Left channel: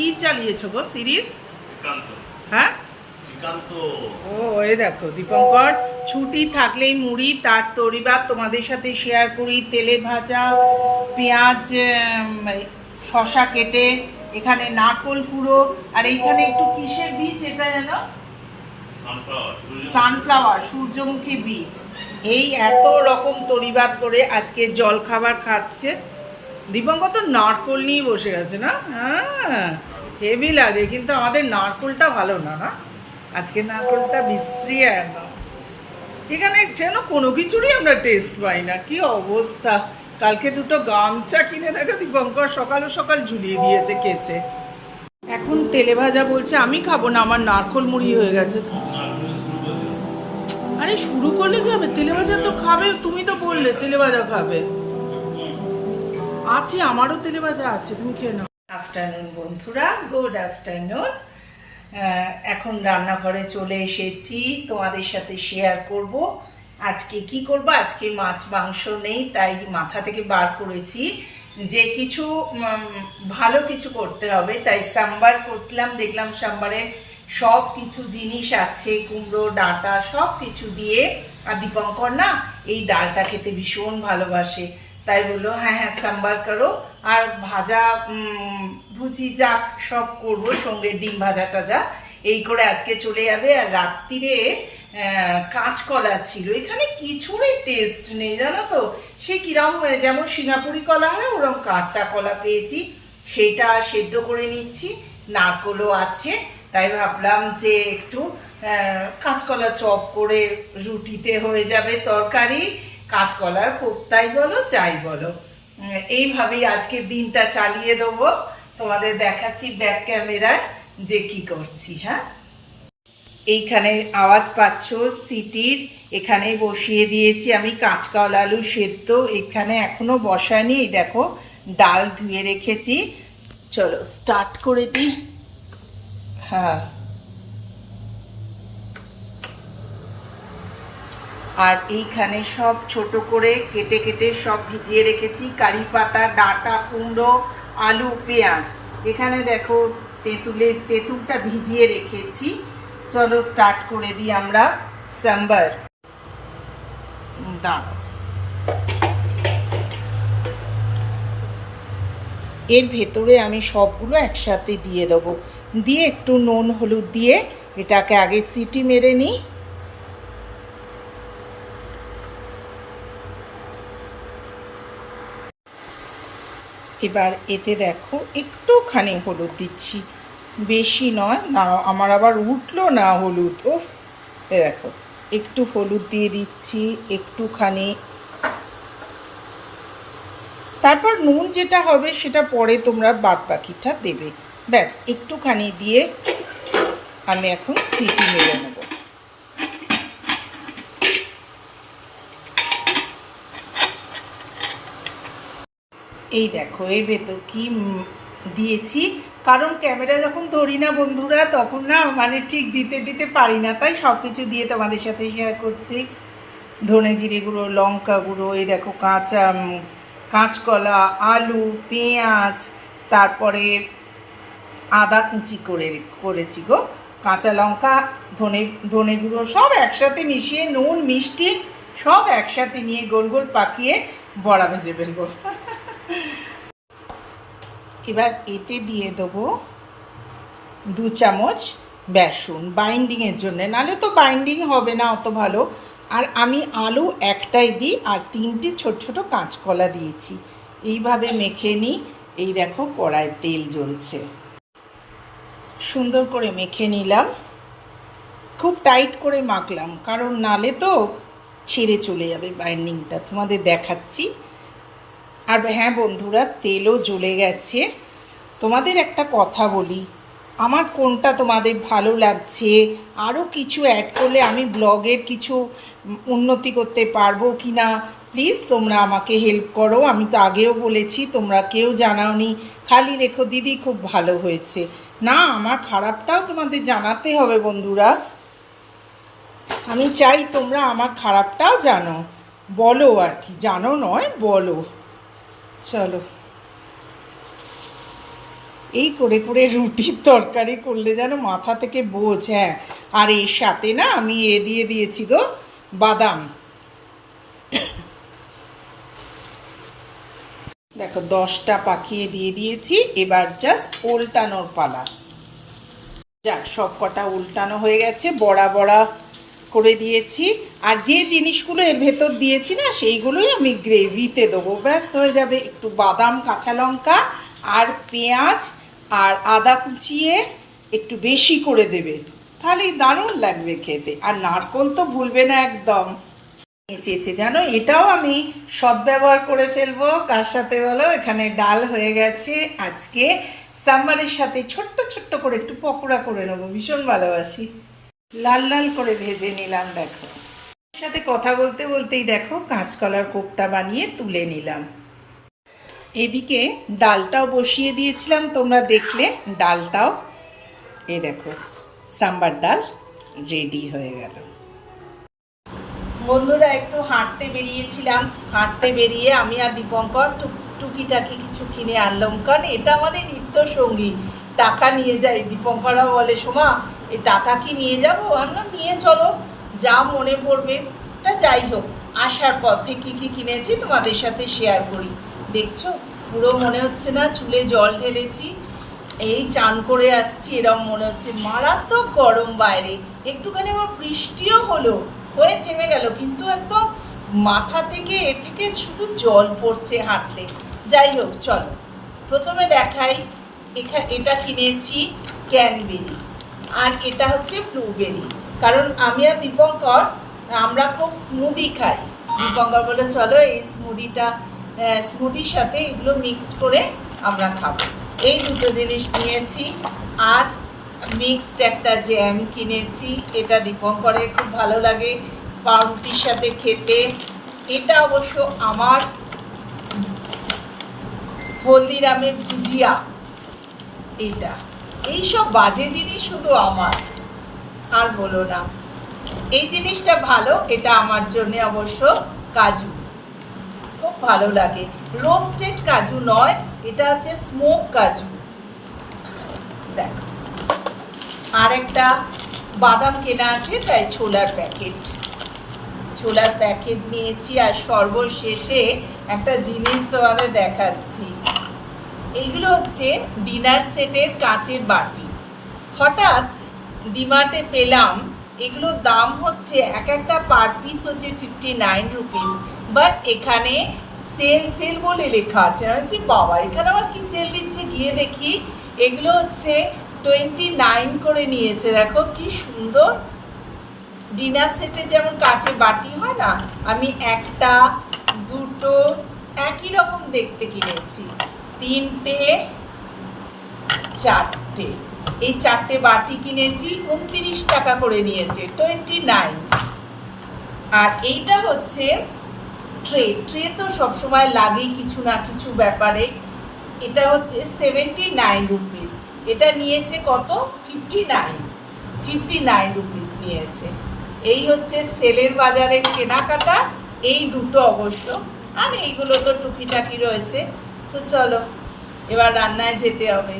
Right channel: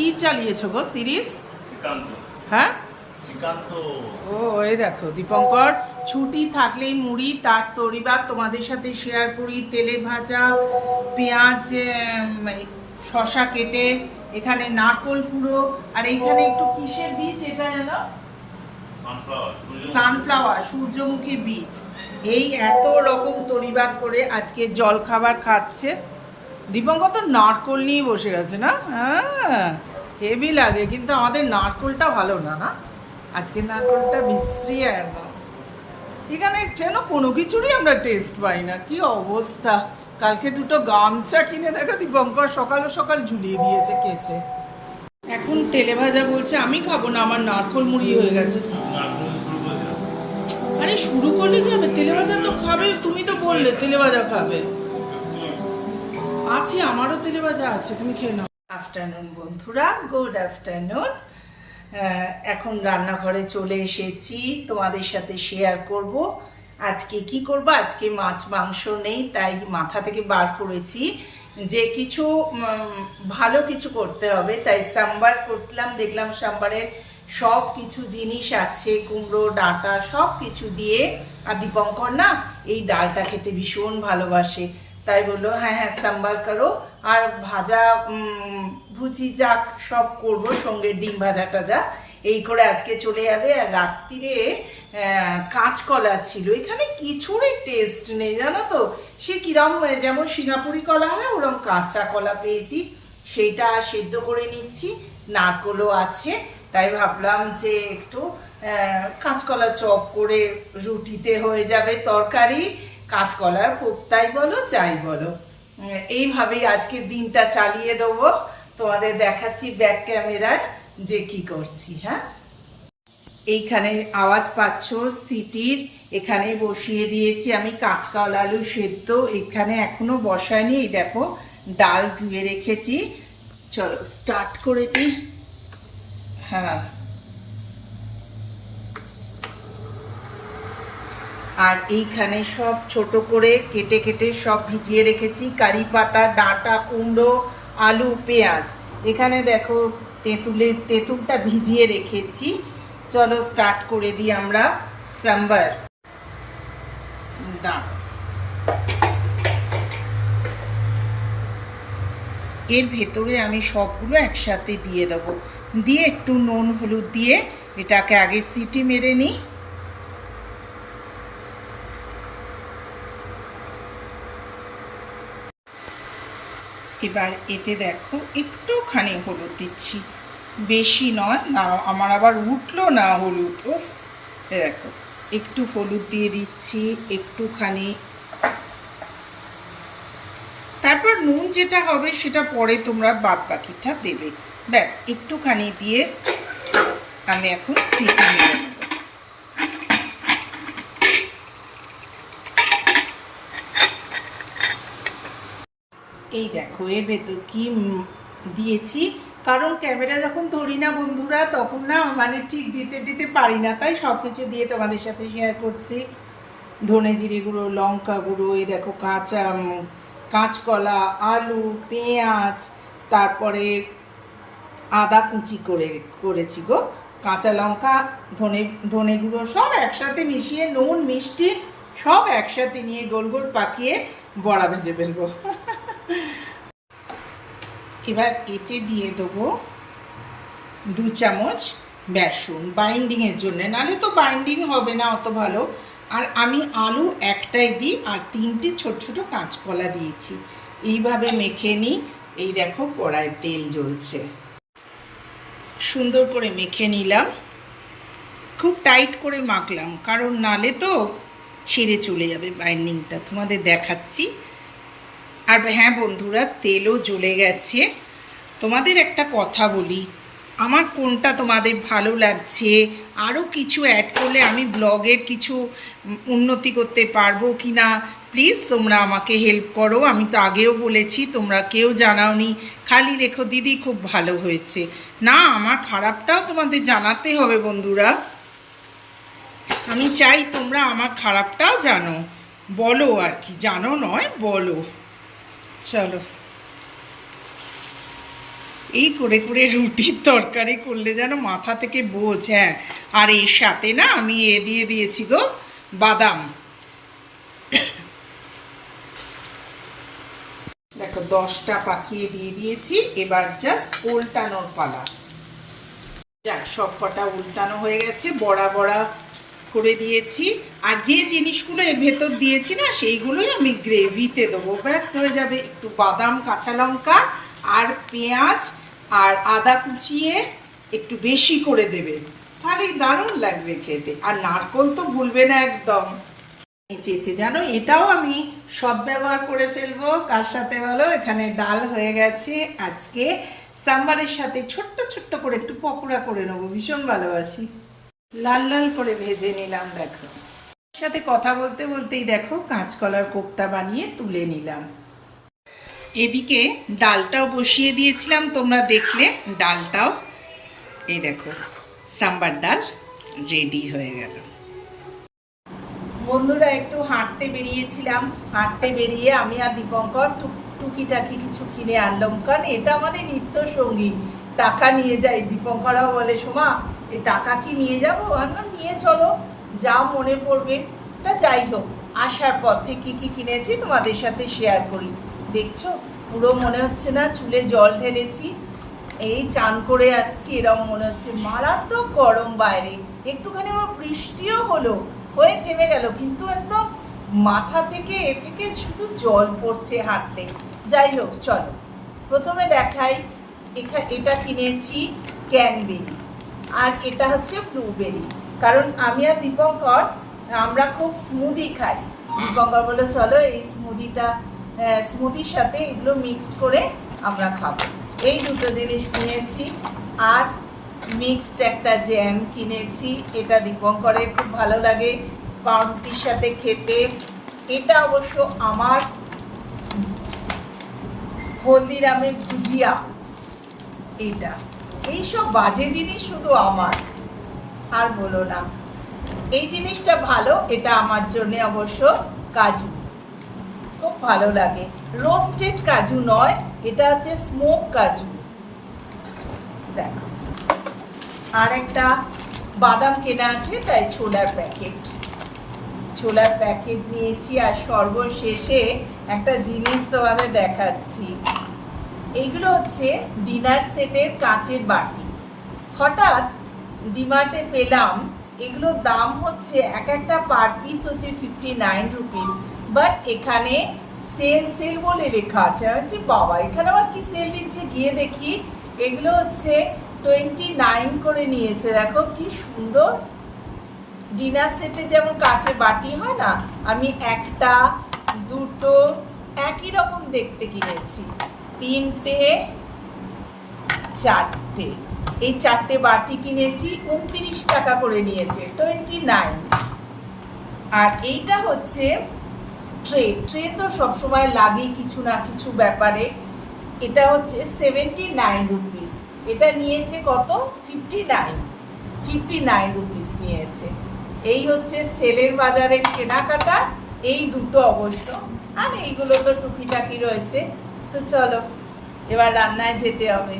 কি চালিয়েছো গো সিরিজ? হ্যাঁ? ও এই দেখো দীপঙ্কর ছুটি থাকলেই মুড়ি তার তরিবার তোমাদের সাথে শেয়ার করি তেলে ভাজা পেঁয়াজ শশা কেটে এখানে নারকোল কুড়ো আর এইখানে একটু কিসের বীজ এটা সানফ্লাওয়ার সানফ্লাওয়ার সূর্যমুখী বীজ। এই এত রকম তরিবাদ করে আজকে জল খাবার খাচ্ছে। দীপঙ্কর তো নারকোল নিয়ে বসে গেছে না? হ্যাঁ। হেভি লাগে কিন্তু আমাদের নারকোলটা ভালো না না? আজকে নারকোলটা বিশ্রী একদম। এখানে যেন কোনো কিছুরই আমরা টেস্ট পাই না কি অবস্থা? কালকে দুটো গামছা কিনে দেখো দীপঙ্কর সকাল সকাল ঝুলিয়ে দিয়েছে কেচে। এখন তেলে ভাজা বলছে আমি খাব না আমার নারকোল মুড়ি হয়ে গেছে। আরে শুরু করলে কি হবে? তেলে ভাজা তো খাবে তুমি তো বললে তেলে ভাজা খাবে। আছে আমারও তেলে ভাজা আছে তুমি খেয়ে নাও। আফটারনুন বন্ধুরা। গুড আফটারনুন এখন রান্নাঘরে চলে এসেছি। তোমাদের সাথে শেয়ার করব। আজকে কি করব? আজকে মাছ, মাংস নেই, তাই মাথা থেকে বার করেছি যে কিছু ভালো কিছু করতে হবে। তাই সাম্বার করলাম, দেখলাম সাম্বারে সব কিছু জিনিস আছে, কুমড়ো, ডাঁটা, সব কিছু দিয়ে। আর দীপঙ্কর না এই ডালটা খেতে ভীষণ ভালোবাসে। তাই বলল হ্যাঁ হ্যাঁ সাম্বার করো। আর ভাজা ভুজি যাক সব করব, সঙ্গে ডিম ভাজা টাজা। এই করে আজকে চলে যাবে। আর রাত্রিরে কাঁচকলা ছিল। এখানে কিছুরই টেস্ট নেই, জানো তো? সে কিরম যেমন সিঙ্গাপুরি কলা হয় ওরম কাঁচা কলা পেয়েছি। সেইটা সেদ্ধ করে নিচ্ছি। নারকোলও আছে। তাই ভাবলাম যে একটু কাঁচকলা চপ করে রুটিতে হয়ে যাবে তরকারি। কাঁচকলার কোপ্তাই বলো, যাই বলো। এইভাবেই আজকের দিনটা চালিয়ে দেবো। তোমাদের দেখাচ্ছি ব্যাক ক্যামেরায় যে কি করছি হ্যাঁ? এইখানে আওয়াজ পাচ্ছ, সিটির। এখানে বসিয়ে দিয়েছি আমি কাঁচকলা আলু সেদ্ধ। এখানে এখনও বসায়নি দেখো, ডাল ধুয়ে রেখেছি। চলো স্টার্ট করে দিই। হ্যাঁ। আর এইখানে সব ছোট করে কেটে কেটে সব ভিজিয়ে রেখেছি। কারি পাতা, ডাঁটা, কুমড়ো, আলু, পেঁয়াজ। এখানে দেখো তেঁতুলের তেঁতুলটা ভিজিয়ে রেখেছি। চলো স্টার্ট করে দিই আমরা। সাম্বার। দাঁড় এর ভেতরে আমি সবগুলো একসাথে দিয়ে দেবো। দিয়ে একটু নুন, হলুদ দিয়ে এটাকে আগে সিটি মেরে নিই। এবার এতে দেখো, একটুখানি হলুদ দিচ্ছি। বেশি নয় না আমার আবার উঠল না হলুদ ও দেখো, একটু হলুদ দিয়ে দিচ্ছি, একটুখানি। তারপর নুন যেটা হবে, সেটা পরে তোমরা বাদ বাকিটা দেবে। ব্যাস, একটুখানি দিয়ে আমি এখন সিটি মেরে নেব। এই দেখো এর ভেতর কি দিয়েছি। কারণ ক্যামেরা যখন ধরি না বন্ধুরা, তখন না মানে ঠিক দিতে দিতে পারি না। তাই সব কিছু দিয়ে তোমাদের সাথে শেয়ার করছি। ধনে জিরে গুঁড়ো, লঙ্কা গুঁড়ো, এই দেখো কাঁচা কাঁচকলা, আলু, পেঁয়াজ, তারপরে আদা কুচি করে করেছি গো। কাঁচা লঙ্কা, ধনে ধনে গুঁড়ো সব একসাথে মিশিয়ে নুন, মিষ্টি সব একসাথে নিয়ে গোল গোল পাকিয়ে বড়া ভেজে ফেলব। এবার এতে দিয়ে দেবো দু চামচ বেসন বাইন্ডিংয়ের জন্য। নালে তো বাইন্ডিং হবে না অত ভালো। আর আমি আলু একটাই দিই আর তিনটে ছোট ছোট কাঁচকলা দিয়েছি। এইভাবে মেখে নিই। এই দেখো কড়ায় তেল জ্বলছে। সুন্দর করে মেখে নিলাম। খুব টাইট করে মাখলাম। কারণ নালে তো ছেড়ে চলে যাবে বাইন্ডিংটা তোমাদের দেখাচ্ছি। আর হ্যাঁ বন্ধুরা, তেলও জ্বলে গেছে। তোমাদের একটা কথা বলি। আমার কোনটা তোমাদের ভালো লাগছে? আরও কিছু অ্যাড করলে আমি ব্লগের কিছু উন্নতি করতে পারব কি না প্লিজ তোমরা আমাকে হেল্প করো। আমি তো আগেও বলেছি, তোমরা কেউ জানাওনি। খালি রেখো, দিদি খুব ভালো হয়েছে। না, আমার খারাপটাও তোমাদের জানাতে হবে বন্ধুরা। আমি চাই তোমরা আমার খারাপটাও জানো। বলো আর কি, জানো নয়, বলো। চলো। এই করে করে রুটির তরকারি করলে যেন মাথা থেকে বোঝ হ্যাঁ। আর এর সাথে না আমি এ দিয়ে দিয়েছি গো, বাদাম। দেখো, দশটা পাকিয়ে দিয়ে দিয়েছি, এবার জাস্ট উল্টানোর পালা। যাক সব কটা উল্টানো হয়ে গেছে, বড়া বড়া করে দিয়েছি। আর যে জিনিসগুলো এর ভেতর দিয়েছি না, সেইগুলোই আমি গ্রেভিতে দেবো। ব্যাস, হয়ে যাবে একটু বাদাম, কাঁচা লঙ্কা আর পেঁয়াজ আর আদা কুচিয়ে একটু বেশি করে দেবে। তাহলেই দারুণ লাগবে খেতে। আর নারকল তো ভুলবে না একদম। চেয়েছে, জানো? এটাও আমি সদ্ব্যবহার করে ফেলব। কার সাথে বলো? এখানে ডাল হয়ে গেছে। আজকে সাম্বারের সাথে ছোট্ট ছোট্ট করে একটু পকোড়া করে নেব। ভীষণ ভালোবাসি। লাল লাল করে ভেজে নিলাম, দেখো। সাথে কথা বলতে বলতেই দেখো কাঁচকলার কোপ্তা বানিয়ে তুলে নিলাম। এদিকে ডালটাও বসিয়ে দিয়েছিলাম, তোমরা দেখলে ডালটাও। এই দেখো, সাম্বার ডাল রেডি হয়ে গেল। বন্ধুরা, একটু হাঁটতে বেরিয়েছিলাম। হাঁটতে বেরিয়ে আমি আর দীপঙ্কর টুক টুকিটাকি কিছু কিনে আনলাম। কারণ এটা আমাদের নিত্য সঙ্গী, টাকা নিয়ে যাই দীপঙ্করাও বলে, সোমা এই টাকা কি নিয়ে যাব? আমরা নিয়ে চলো, যা মনে পড়বে, তা যাই হোক। আসার পথে কি কি কিনেছি তোমাদের সাথে শেয়ার করি। দেখছ? পুরো মনে হচ্ছে না চুলে জল ঢেলেছি। এই চান করে আসছি, এরম মনে হচ্ছে। মারাত্মক গরম বাইরে। একটুখানি আবার বৃষ্টিও হলো, হয়ে থেমে গেল, কিন্তু একদম মাথা থেকে, এ থেকে শুধু জল পড়ছে হাঁটলে। যাই হোক, চলো। প্রথমে দেখাই, এখা, এটা কিনেছি ক্যানবেরি। আর এটা হচ্ছে ব্লুবেরি কারণ আমি আর দীপঙ্কর, আমরা খুব স্মুদি খাই। দীপঙ্কর বলে চলো এই স্মুদিটা স্মুদির সাথে এগুলো মিক্সড করে আমরা খাব। এই দুটো জিনিস নিয়েছি। আর মিক্সড একটা জ্যাম কিনেছি। এটা দীপঙ্করের খুব ভালো লাগে পাউরুটির সাথে খেতে। এটা অবশ্য আমার হলদিরামের ভুজিয়া। এইটা। এইসব বাজে জিনিস শুধু আমার। আর বলো না, এই জিনিসটা ভালো, এটা আমার জন্য অবশ্য কাজু। খুব ভালো লাগে। রোস্টেড কাজু নয়, এটা হচ্ছে স্মোক কাজু। দেখো, আর একটা বাদাম কেনা আছে, তাই ছোলার প্যাকেট। ছোলার প্যাকেট নিয়েছি আর সর্বশেষে একটা জিনিস তোমাদের দেখাচ্ছি। এইগুলো হচ্ছে ডিনার সেটের কাচের বাটি। হঠাৎ ডিমার্টে পেলাম, এগুলোর দাম হচ্ছে এক একটা পার পিস হচ্ছে ফিফটি নাইন রুপিস বাট এখানে সেল সেল বলে লেখা আছে। আমি বলছি, বাবা, এখানে আবার কি সেল দিচ্ছে? গিয়ে দেখি, এগুলো হচ্ছে টোয়েন্টি নাইন করে নিয়েছে। দেখো কি সুন্দর। ডিনার সেটে যেমন কাচে বাটি হয় না, আমি একটা, দুটো, একই রকম দেখতে কিনেছি। তিনটে, চারটে। এই চারটে বাটি কিনেছি, উনত্রিশ টাকা করে নিয়েছে টোয়েন্টি নাইন আর এইটা হচ্ছে ট্রে ট্রে তো সবসময় লাগেই কিছু না কিছু ব্যাপারে। এটা হচ্ছে সেভেন্টি নাইন রুপিস এটা নিয়েছে কত? Fifty nine fifty nine rupees নিয়েছে। এই হচ্ছে সেলের বাজারের কেনাকাটা। এই দুটো অবশ্য। আর এইগুলো তো টুকিটাকি রয়েছে। তো চলো এবার রান্নায় যেতে হবে।